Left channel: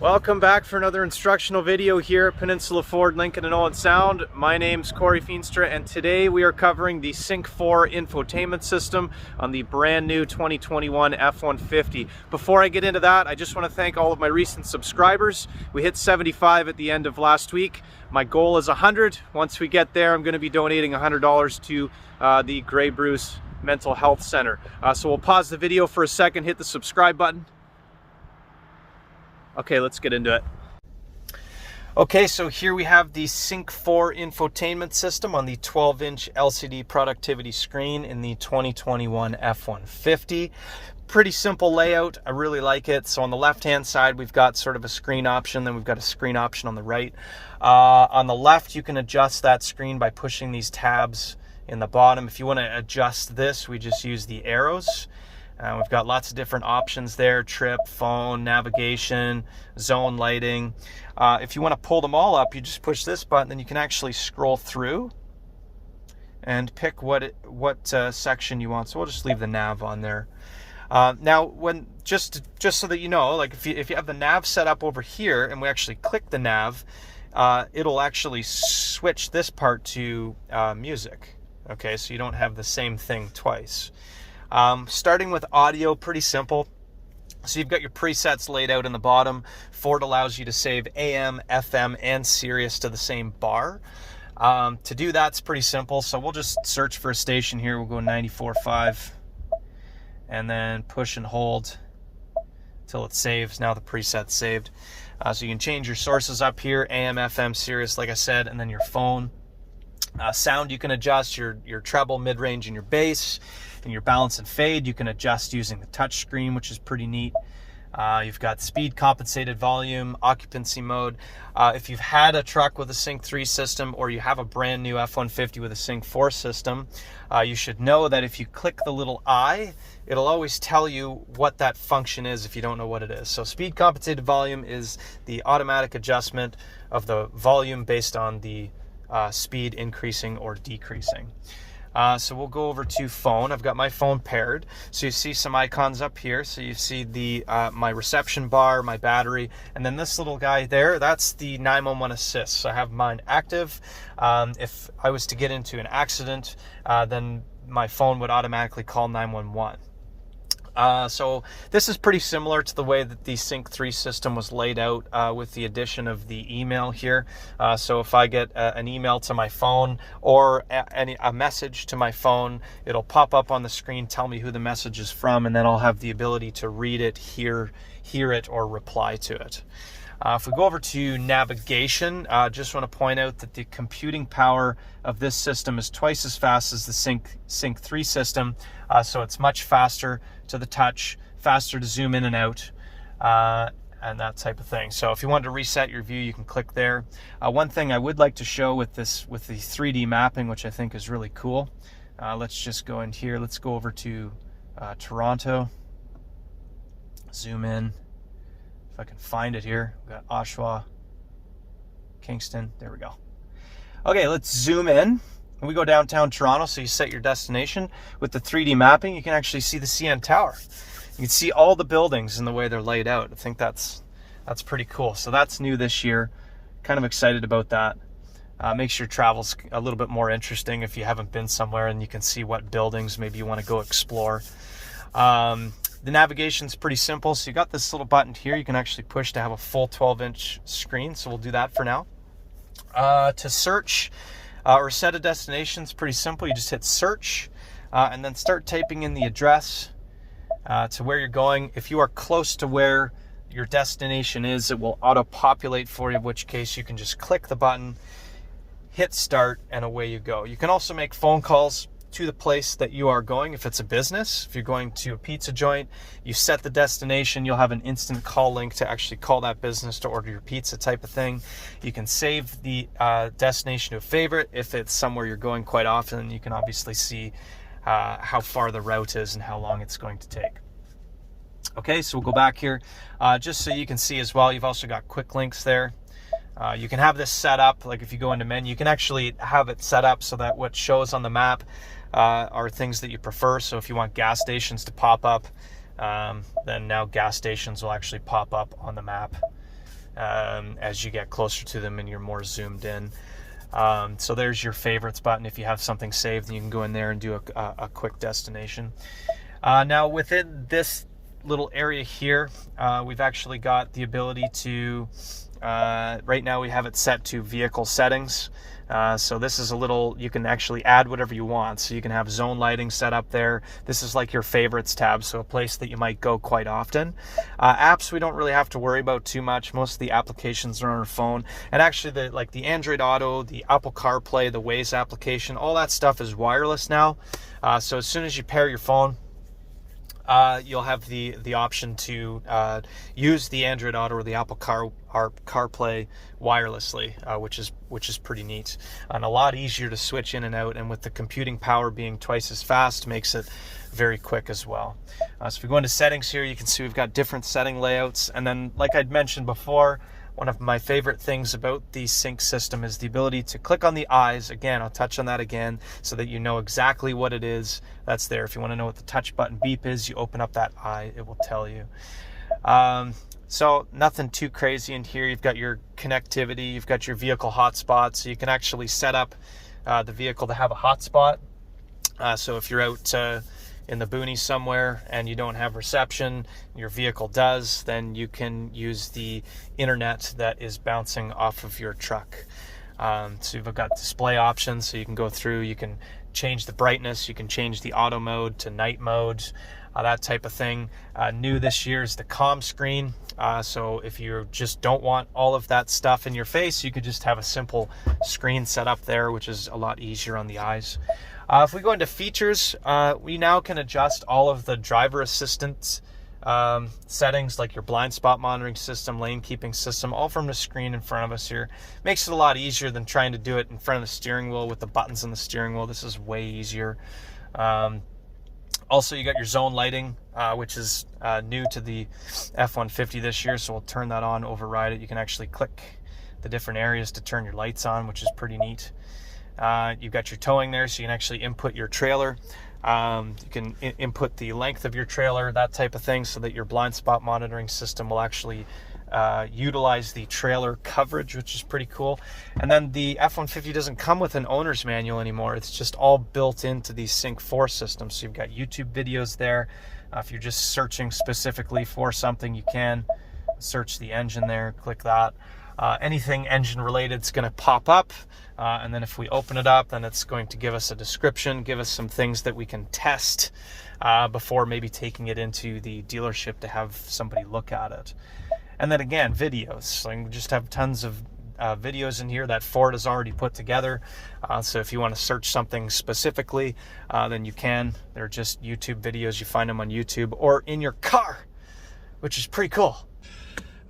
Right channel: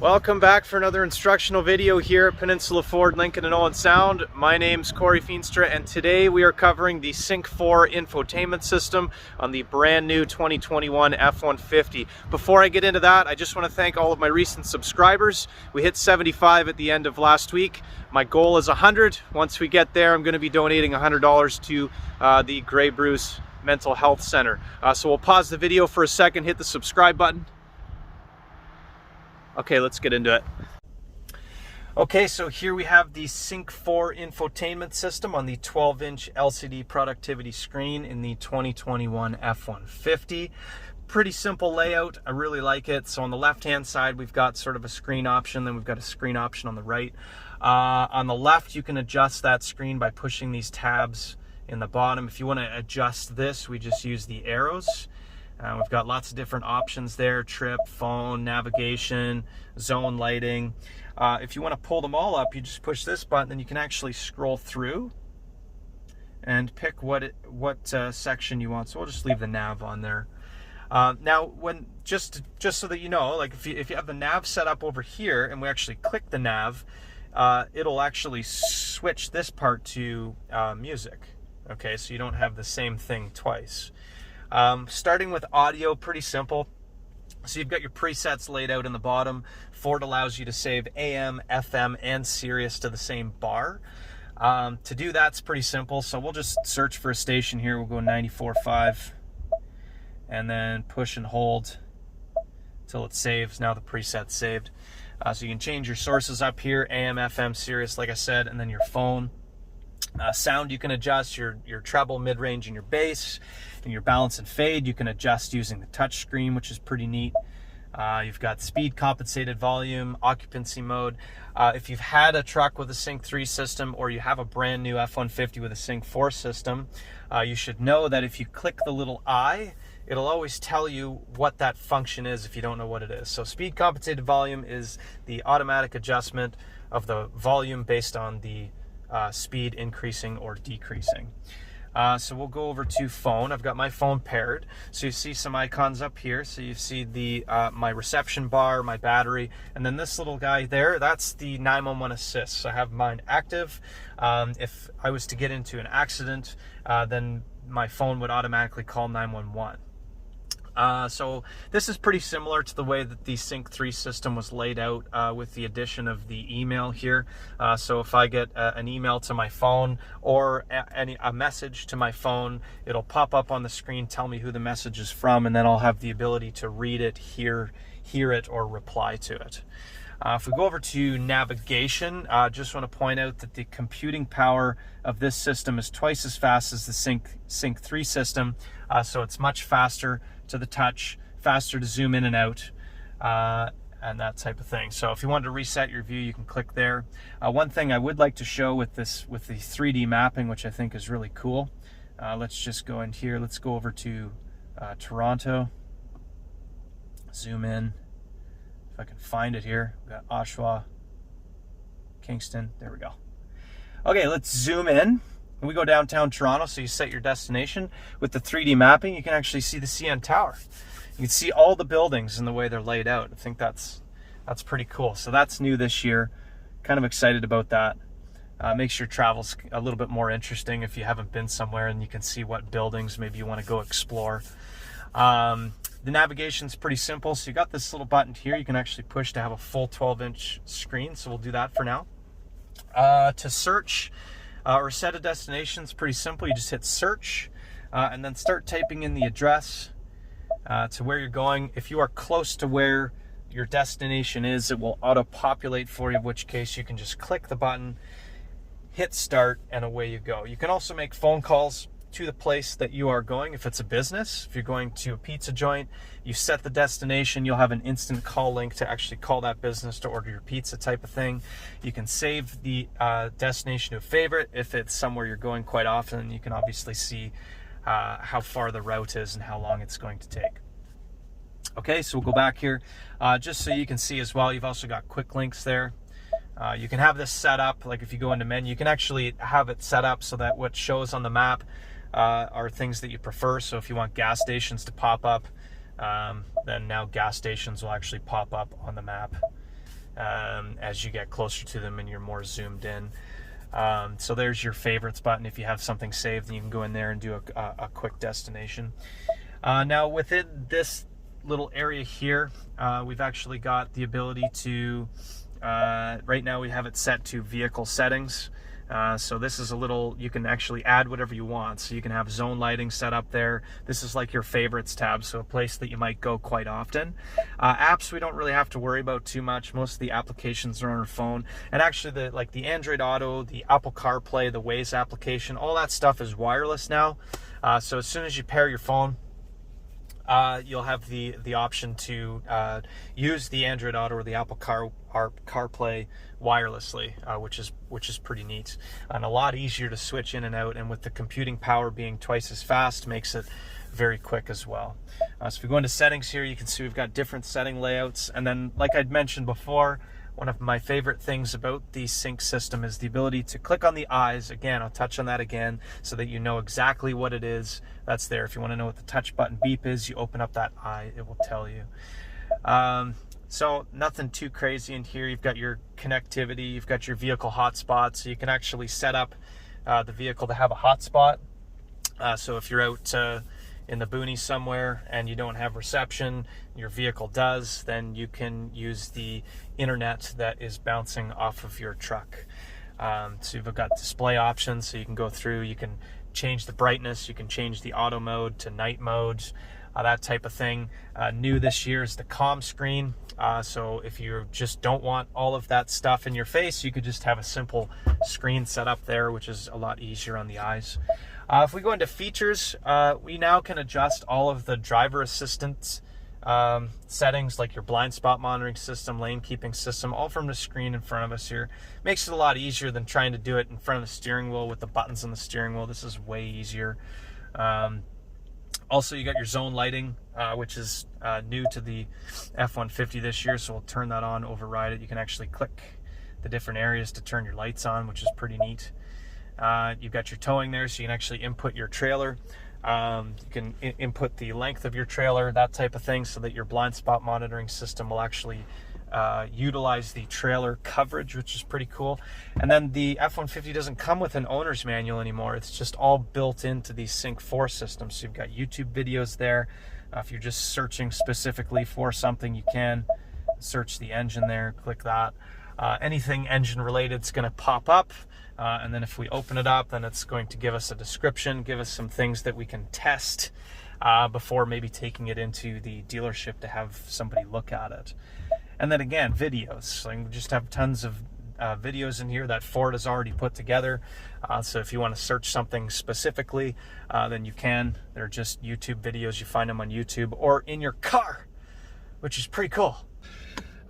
Welcome back for another instructional video here at Peninsula Ford, Lincoln and Owen Sound. My name's Corey Feenstra, and today we are covering the Sync 4 infotainment system on the brand new 2021 F-150. Before I get into that, I just want to thank all of my recent subscribers. We hit 75 at the end of last week. My goal is 100. Once we get there, I'm going to be donating $100 to the Grey Bruce Mental Health Center. So we'll pause the video for a second, hit the subscribe button. Okay, let's get into it. Okay, so here we have the Sync 4 infotainment system on the 12-inch LCD productivity screen in the 2021 F-150. Pretty simple layout. I really like it. So on the left-hand side, we've got sort of a screen option, then we've got a screen option on the right. On the left, you can adjust that screen by pushing these tabs in the bottom. If you want to adjust this, we just use the arrows. We've got lots of different options there: trip, phone, navigation, zone lighting. If you want to pull them all up, you just push this button, then you can actually scroll through and pick what section you want. So we'll just leave the nav on there. Now, when just so that you know, like if you have the nav set up over here and we actually click the nav, it'll actually switch this part to music. Okay, so you don't have the same thing twice. Starting with audio, pretty simple. So you've got your presets laid out in the bottom. Ford allows you to save AM, FM, and Sirius to the same bar. To do that's pretty simple. So we'll just search for a station here. We'll go 94.5 and then push and hold till it saves. Now the preset's saved. So you can change your sources up here: AM, FM, Sirius, like I said, and then your phone. Sound, you can adjust your treble, mid-range, and your bass. And your balance and fade, you can adjust using the touch screen, which is pretty neat. You've got speed compensated volume, occupancy mode. If you've had a truck with a Sync 3 system, or you have a brand new F-150 with a Sync 4 system, you should know that if you click the little I, it'll always tell you what that function is if you don't know what it is. So speed compensated volume is the automatic adjustment of the volume based on the speed increasing or decreasing. So we'll go over to phone. I've got my phone paired. So you see some icons up here. So you see the my reception bar, my battery, and then this little guy there, that's the 911 assist. So I have mine active. If I was to get into an accident, then my phone would automatically call 911. So this is pretty similar to the way that the Sync 3 system was laid out, with the addition of the email here. So if I get an email to my phone or a message to my phone, it'll pop up on the screen, tell me who the message is from, and then I'll have the ability to read it, hear it, or reply to it. If we go over to navigation, just want to point out that the computing power of this system is twice as fast as the Sync 3 system, so it's much faster to the touch, faster to zoom in and out, and that type of thing. So if you wanted to reset your view, you can click there. One thing I would like to show with the 3D mapping, which I think is really cool, let's just go in here. Let's go over to Toronto, zoom in. If I can find it here, we got Oshawa, Kingston, there we go. Okay, let's zoom in. When we go downtown Toronto, so you set your destination. With the 3D mapping, you can actually see the CN Tower. You can see all the buildings in the way they're laid out. I think that's pretty cool. So that's new this year. Kind of excited about that. Makes your travels a little bit more interesting if you haven't been somewhere and you can see what buildings maybe you want to go explore. The navigation's pretty simple. So you got this little button here you can actually push to have a full 12-inch screen. So we'll do that for now. To search or set a destination is pretty simple. You just hit search and then start typing in the address to where you're going. If you are close to where your destination is, it will auto-populate for you, in which case you can just click the button, hit start, and away you go. You can also make phone calls to the place that you are going. If it's a business, if you're going to a pizza joint, you set the destination, you'll have an instant call link to actually call that business to order your pizza, type of thing. You can save the destination to a favorite. If it's somewhere you're going quite often, you can obviously see how far the route is and how long it's going to take. Okay, so we'll go back here just so you can see as well. You've also got quick links there. You can have this set up, like if you go into menu, you can actually have it set up so that what shows on the map are things that you prefer. So if you want gas stations to pop up, then now gas stations will actually pop up on the map. as you get closer to them and you're more zoomed in. So there's your favorites button. If you have something saved, then you can go in there and do a quick destination. Now within this little area here, we've actually got the ability to, right now we have it set to vehicle settings. So this is a little, you can actually add whatever you want. So you can have zone lighting set up there. This is like your favorites tab, so a place that you might go quite often. Apps we don't really have to worry about too much. Most of the applications are on our phone. And actually like the Android Auto, the Apple CarPlay, the Waze application, all that stuff is wireless now. So as soon as you pair your phone, you'll have the option to use the Android Auto or the Apple CarPlay wirelessly, which is pretty neat and a lot easier to switch in and out. And with the computing power being twice as fast, makes it very quick as well. So if we go into settings here, you can see we've got different setting layouts. And then, like I'd mentioned before, one of my favorite things about the Sync system is the ability to click on the eyes. Again, I'll touch on that again so that you know exactly what it is that's there. If you want to know what the touch button beep is, you open up that eye, it will tell you. So nothing too crazy in here. You've got your connectivity, you've got your vehicle hotspot, so you can actually set up the vehicle to have a hotspot. So if you're out in the boonies somewhere and you don't have reception, your vehicle does, then you can use the internet that is bouncing off of your truck. So you've got display options, so you can go through, you can change the brightness, you can change the auto mode to night mode, that type of thing. New this year is the calm screen. So if you just don't want all of that stuff in your face, you could just have a simple screen set up there, which is a lot easier on the eyes. If we go into features, we now can adjust all of the driver assistance settings, like your blind spot monitoring system, lane keeping system, all from the screen in front of us here. Makes it a lot easier than trying to do it in front of the steering wheel with the buttons on the steering wheel. This is way easier. Also, you got your zone lighting, which is new to the F-150 this year, so we'll turn that on, override it. You can actually click the different areas to turn your lights on, which is pretty neat. You've got your towing there, so you can actually input your trailer. You can input the length of your trailer, that type of thing, so that your blind spot monitoring system will actually utilize the trailer coverage, which is pretty cool. And then the F-150 doesn't come with an owner's manual anymore. It's just all built into the Sync 4 system. So you've got YouTube videos there. If you're just searching specifically for something, you can search the engine there, click that. Anything engine related is going to pop up. And then if we open it up, then it's going to give us a description, give us some things that we can test before maybe taking it into the dealership to have somebody look at it. And then again, videos. So you just have tons of videos in here that Ford has already put together. So if you want to search something specifically, then you can. They're just YouTube videos. You find them on YouTube or in your car, which is pretty cool.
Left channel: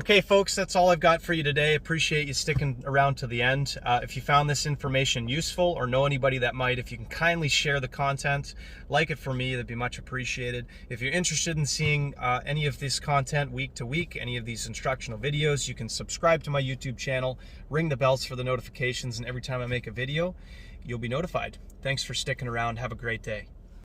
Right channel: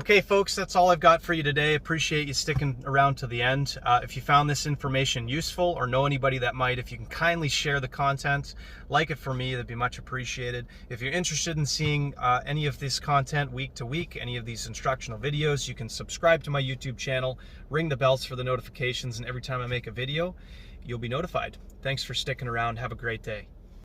Okay, folks, that's all I've got for you today. Appreciate you sticking around to the end. If you found this information useful or know anybody that might, if you can kindly share the content, like it for me, that'd be much appreciated. If you're interested in seeing any of this content week to week, any of these instructional videos, you can subscribe to my YouTube channel, ring the bells for the notifications, and every time I make a video, you'll be notified. Thanks for sticking around. Have a great day.